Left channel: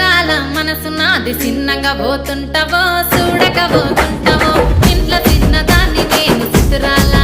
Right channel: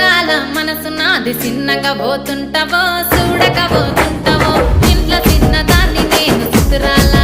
చిత్రాల మనసు నాది చిన్నగా పోతుంటావో చూడక పోతుంటావో ఇంట్లో చిన్నదాన్ని నేను చిత్రాల